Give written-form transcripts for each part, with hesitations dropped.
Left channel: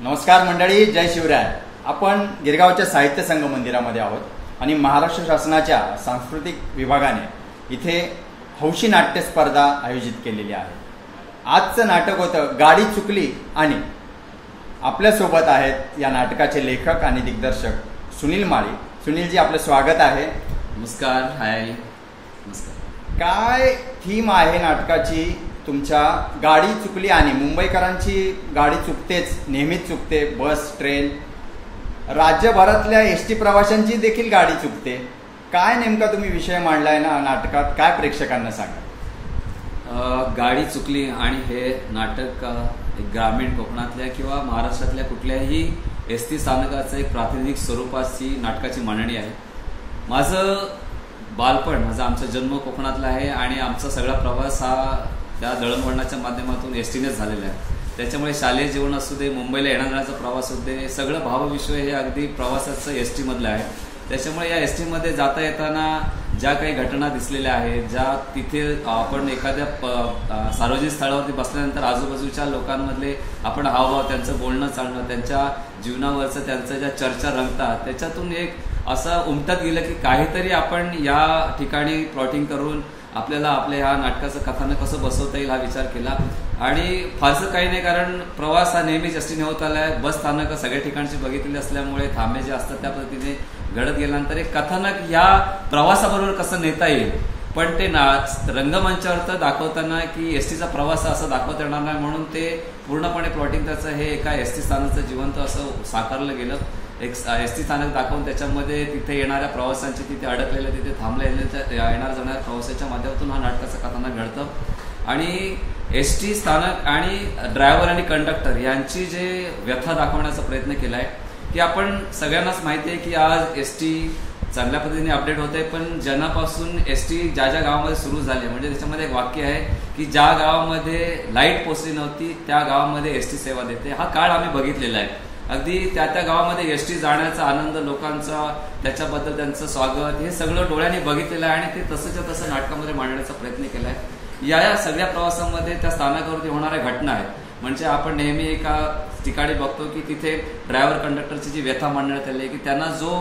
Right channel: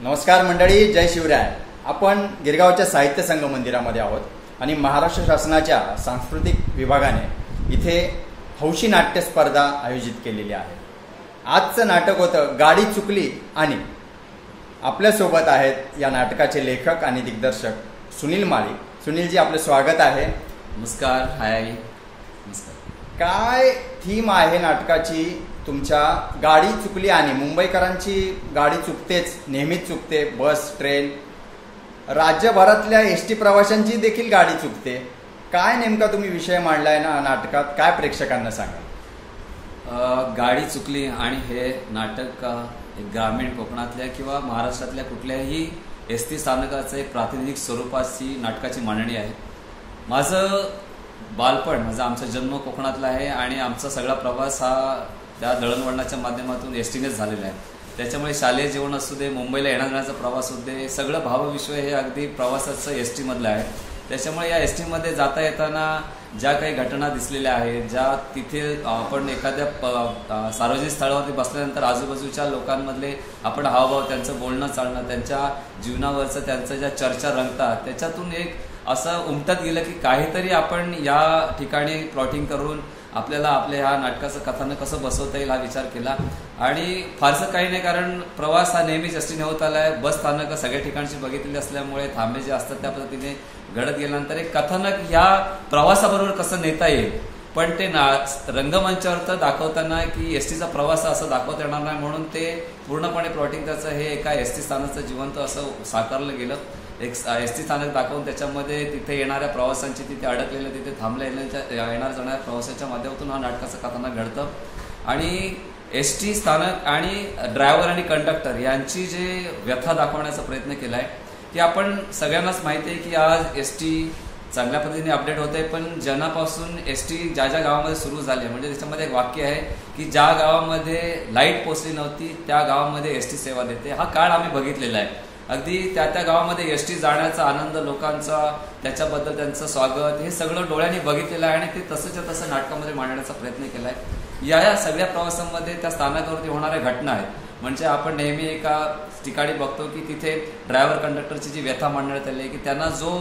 नमस्कार मंडळी, जय शिवराय. आपण गिरगावच्या साहित्य संघ मंदिरामध्ये आहोत आणि महाराष्ट्र शासनाच्या सांस्कृतिक विभागाने इथे हौशी नाट्य स्पर्धा आयोजित केलेली आहे. आजचं नाटक होतं गाडी चुकली आणि आपल्यासोबत आहेत या नाटकाचे लेखक आणि दिग्दर्शक सुनील माळी. सुनीलजी, आपलं स्वागत आहे. नमस्कार. हाय. नमस्कार. काय थीम आहे नाटकाची? तुमच्या गाडी चुकली आणि मुंबईकरांची गाडी चुकतेच, नेहमीच चुकते. बस, ट्रेन, राज्यभरातल्या एसटी प्रवाशांची देखील गाडी चुकते. काय नेमका तुम्ही विषय मांडलाय ना नाटकात, काय प्रेक्षकांना सांगा? गाडी चुकली आणि हे नाटक ग्रामीण कोकणातल्या किंवा महाराष्ट्रातल्या कुठल्याही एसटी स्थानकाचं एक प्रातिनिधिक स्वरूपाची नाटकाची मांडणी आहे. माझं बालपण, आमचा जन्म कोकणातला आहे आणि आमचा सगळा प्रवास हा त्या दळणवळणाच्या माध्यमातून एसटीनेच झालेला आहे. त्याच्यामुळे शालेय जीवन असू दे, मुंबईला येण्या जाण्याचा प्रवास असू दे, सगळं भावविश्व हे अगदी प्रवासाचं एसटी मधलं आहे. त्याच्यामुळे या एसटी मध्ये जाता येताना ज्या काही घटना दिसलेल्या आहेत, ज्या तिथे आपण एखाद्या सार्वजनिक स्थळावरती बसल्यानंतर आजूबाजूच्या लोकांमधले आपण हावभाव, त्यांचं बोलणं चालणं, त्यांच्या जीवनावरचं त्यांचं ज्या चर्चा रंगतात, त्याच्यातून एक असं उमटत गेलं की काहीतरी आपण या ठिकाणी प्लॉटिंग करून आपल्याला आपल्या ह्या नाटकाचं कथानक कसं बसवता येईल हा विचार केला. आणि फारसं काही नाही, कारण प्रवास हा नेहमीच एसटीने होत आलाय. बस स्थानकं सगळ्या ठिकाणची बघितलेली असल्यामुळे थांबे जे असतात त्या पद्धतीने घडत गेल्यानंतर एक कथानक या प्रवासाबरोबर कसं नेता येईल, पण ते रंगमंचावर तर दाखवताना की एसटीचा प्रवास असं दाखवता येणार नाही, म्हणून ते पूर्णपणे प्लॉटिंग त्याचं हे एका एसटी स्थानकाचं जिवंत असं साकारलं गेलं. एक एसटी स्थानक दाखवून त्याच्यामध्ये तिथे येणाऱ्या प्रवाशांची, तिथे अडकलेल्या, तिथे थांबल्या येणार जाणाऱ्या प्रवासाच्या माध्यमातून हा नाटकाचं कथानक घडतं. आणि एसटी स्थानक आणि ड्रायव्हर आणि कंडक्टर यांची जे व्यथा दाखवण्याचा प्रयत्न केलाय की आपण सगळ्यांनाच माहिती आहे की आज एसटी चांगल्या पद्धतीने अपडेट होत आहे, पण जनापासून एसटी ज्या ज्या गावामध्ये सुरू झाली, म्हणजे त्याच्यामध्ये एक वाक्य आहे की ज्या गावामध्ये लाईट पोहोचली नव्हती त्या गावामध्ये एसटी सेवा देते. हा काळ आम्ही बघितलेला आहे. अगदी त्या त्या गावामध्ये एसटी जाण्याचा आनंद लोकांचा, त्याच्याबद्दल त्यांचं स्वागत, हे सगळं डोळ्यांनी बघितलेलं आहे आणि ते तसंच्या तसं नाटकामध्ये मांडण्याचा प्रयत्न केलाय. या सगळ्या प्रवासामध्ये त्या स्थानकावरती होणाऱ्या घटना आहेत. म्हणजे आपण नेहमी एका ठिकाणी बघतो की तिथे ड्रायव्हर कंडक्टरची जी व्यथा मांडण्यात आली आहे की त्यांना जो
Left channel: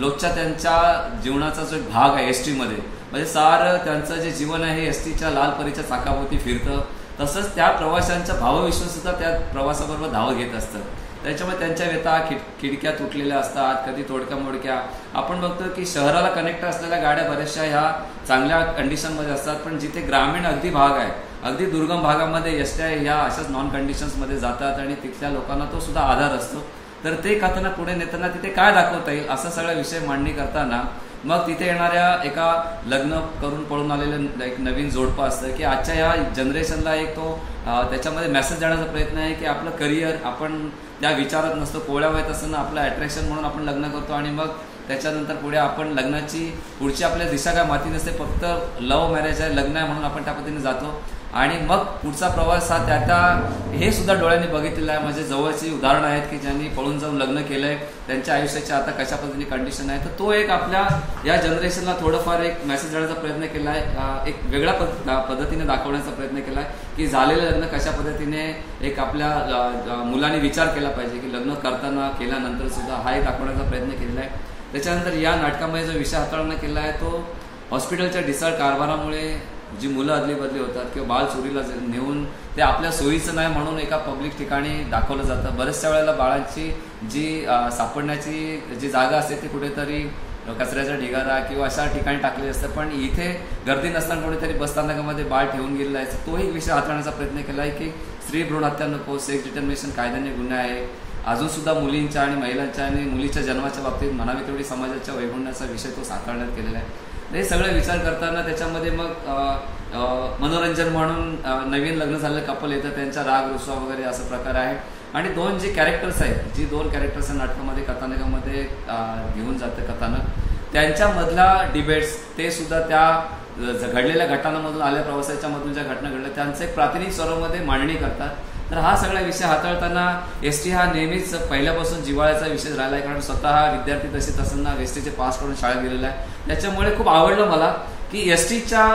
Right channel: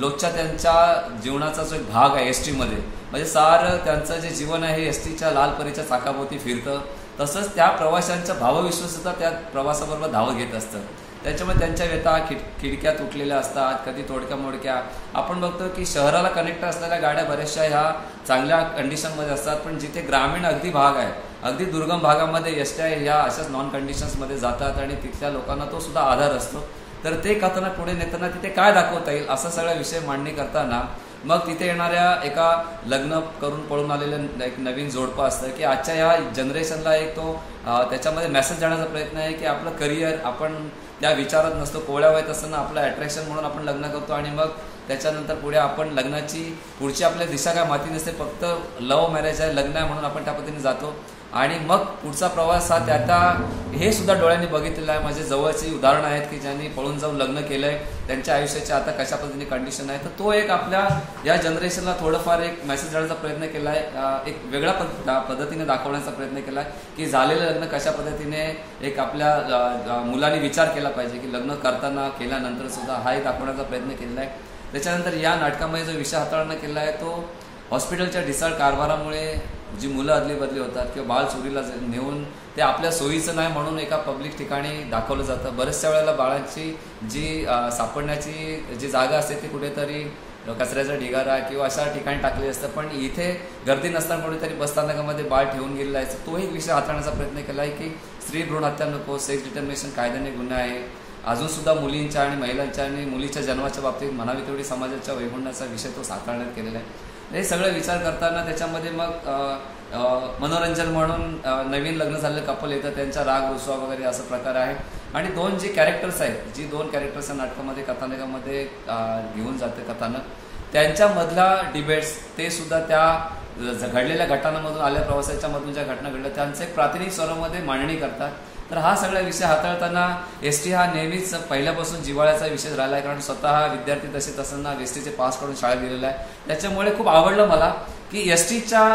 रोजच्या त्यांच्या जीवनाचा जो एक भाग आहे एसटीमध्ये, म्हणजे सारं त्यांचं जे जीवन आहे एसटीच्या लालपरीच्या चाकाभोवती फिरतं, तसंच त्या प्रवाशांचा भावविश्व सुद्धा त्या प्रवासाबरोबर धावत घेत असतं. त्याच्यामुळे त्यांच्या व्यथा खिडक्या तुटलेल्या असतात, कधी तोडक्या मोडक्या. आपण बघतो की शहराला कनेक्ट असलेल्या गाड्या बऱ्याचशा ह्या चांगल्या कंडिशनमध्ये असतात, पण जिथे ग्रामीण अगदी भाग आहे, अगदी दुर्गम भागामध्ये एसट्या ह्या अशाच नॉन कंडिशन्समध्ये जातात आणि तिथल्या लोकांना तो सुद्धा आधार असतो. तर ते कथानक पुढे नेताना तिथे काय दाखवता येईल असा सगळा विषय मांडणी करताना मग तिथे येणाऱ्या एका लग्न करून पळून आलेलं एक नवीन जोडपं असतं की आजच्या या जनरेशनला एक तो त्याच्यामध्ये मेसेज देण्याचा प्रयत्न आहे की आपलं करिअर आपण त्या विचारात नसतो, कोवळ्या वयात असताना आपलं अट्रॅक्शन म्हणून आपण लग्न करतो आणि मग त्याच्यानंतर पुढे आपण लग्नाची पुढची आपल्या दिशा काय माती नसते, फक्त लव्ह मॅरेज आहे, लग्न आहे म्हणून आपण त्या पद्धतीने जातो आणि मग पुढचा प्रवास हा त्या हे सुद्धा डोळ्यांनी बघितलेलं आहे. माझे जवळची उदाहरणं आहेत की ज्यांनी पळून जाऊन लग्न केलंय, त्यांच्या आयुष्याची आता कशा पद्धतीने कंडिशन आहे. तर तो एक आपल्या या जनरेशनला थोडंफार एक मेसेज देण्याचा प्रयत्न केलाय, एक वेगळ्या पद्धतीने दाखवण्याचा प्रयत्न केलाय की झालेलं लग्न कशा पद्धतीने एक आपल्या मुलांनी विचार केला पाहिजे की लग्न करताना केल्यानंतर सुद्धा हाही दाखवण्याचा प्रयत्न केलेला आहे. त्याच्यानंतर या नाटकामध्ये जो विषय हाताळण्यात केला आहे तो हॉस्पिटलच्या ढिसाळ कारभारामुळे जी मुलं अदली बदली होतात किंवा बाळ चोरीला नेऊन ते आपल्या सोयीचं नाही म्हणून एका पब्लिक ठिकाणी दाखवलं जातं. बऱ्याचशा वेळेला बाळांची जी सापडण्याची जी जागा असते ती कुठेतरी कचऱ्याचा ढिगारा किंवा अशा ठिकाणी टाकलेली असतं, पण इथे गर्दी नसताना कोणीतरी बसस्थानकामध्ये बाळ ठेवून गेलेला आहे. तो एक विषय हाताळण्याचा प्रयत्न केला आहे की स्त्री भ्रूण हत्या नको, सेक्स डिटर्मिनेशन कायद्याने गुन्हा आहे. अजून सुद्धा मुलींच्या आणि महिलांच्या आणि मुलीच्या जन्माच्या बाबतीत म्हणावी तेवढी समाजाच्या वैगुण्याचा विषय तो साकारण्यात केलेला आहे. हे सगळं विचार करताना त्याच्यामध्ये मग मनोरंजन म्हणून नवीन लग्न झालेलं कपल येतं, त्यांचा राग रुसवा वगैरे असा प्रकार आहे. आणि दोन जे कॅरेक्टर्स आहेत, जी दोन कॅरेक्टर्स नाटकामध्ये कथानकामध्ये घेऊन जातं कथानक, त्यांच्यामधला डिबेट्स ते सुद्धा त्या घडलेल्या घटनांमधून आलेल्या प्रवासाच्या मधून ज्या घटना घडल्या त्यांचं एक प्रातिनिधिक स्वरूपामध्ये मांडणी करतात. तर हा सगळा विषय हाताळताना एसटी हा नेहमीच पहिल्यापासून जिव्हाळ्याचा विषय राहिला आहे, कारण स्वतः विद्यार्थी तसेच असताना एसटीचे पास करून शाळेत गेलेला आहे. त्याच्यामुळे खूप आवडलं मला की एसटीच्या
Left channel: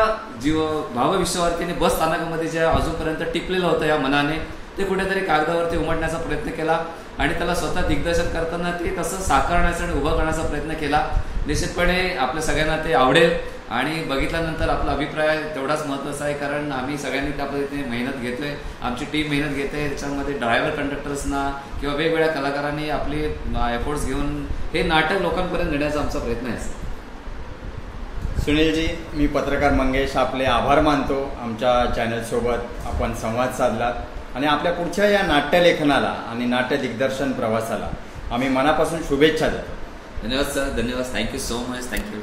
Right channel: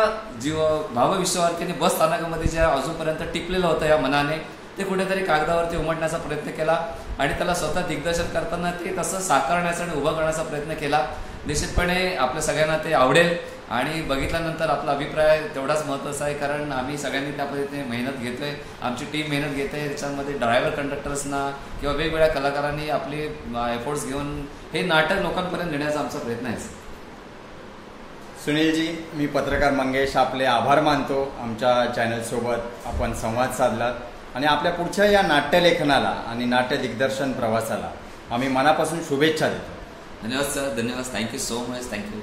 भावविश्वावरती बस स्थानकामध्ये जे अजूनपर्यंत टिकलेलं होतं या मनाने ते कुठेतरी कागदावरती उमटण्याचा प्रयत्न केला आणि त्याला स्वतः दिग्दर्शन करताना ते तसं साकारण्याचा आणि उभं करण्याचा प्रयत्न केला. निश्चितपणे आपल्या सगळ्यांना ते आवडेल आणि बघितल्यानंतर आपला अभिप्राय तेवढाच महत्वाचा आहे, कारण आम्ही सगळ्यांनी त्या पद्धतीने मेहनत घेतोय, आमची टीम मेहनत घेते. त्याच्यामध्ये ड्रायव्हर कंडक्टर्सना किंवा वेगवेगळ्या कलाकारांनी आपले एफर्ट्स घेऊन हे नाटक लोकांपर्यंत नेण्याचा आमचा प्रयत्न आहे. सुनीलजी, मी पत्रकार मंगेश आपले आभार मानतो. आमच्या चॅनलसोबत आपण संवाद साधलात आणि आपल्या पुढच्या या नाट्यलेखनाला आणि नाट्य दिग्दर्शन प्रवासाला आम्ही मनापासून शुभेच्छा देतो. धन्यवाद सर, धन्यवाद. Thank you so much. थँक्यू.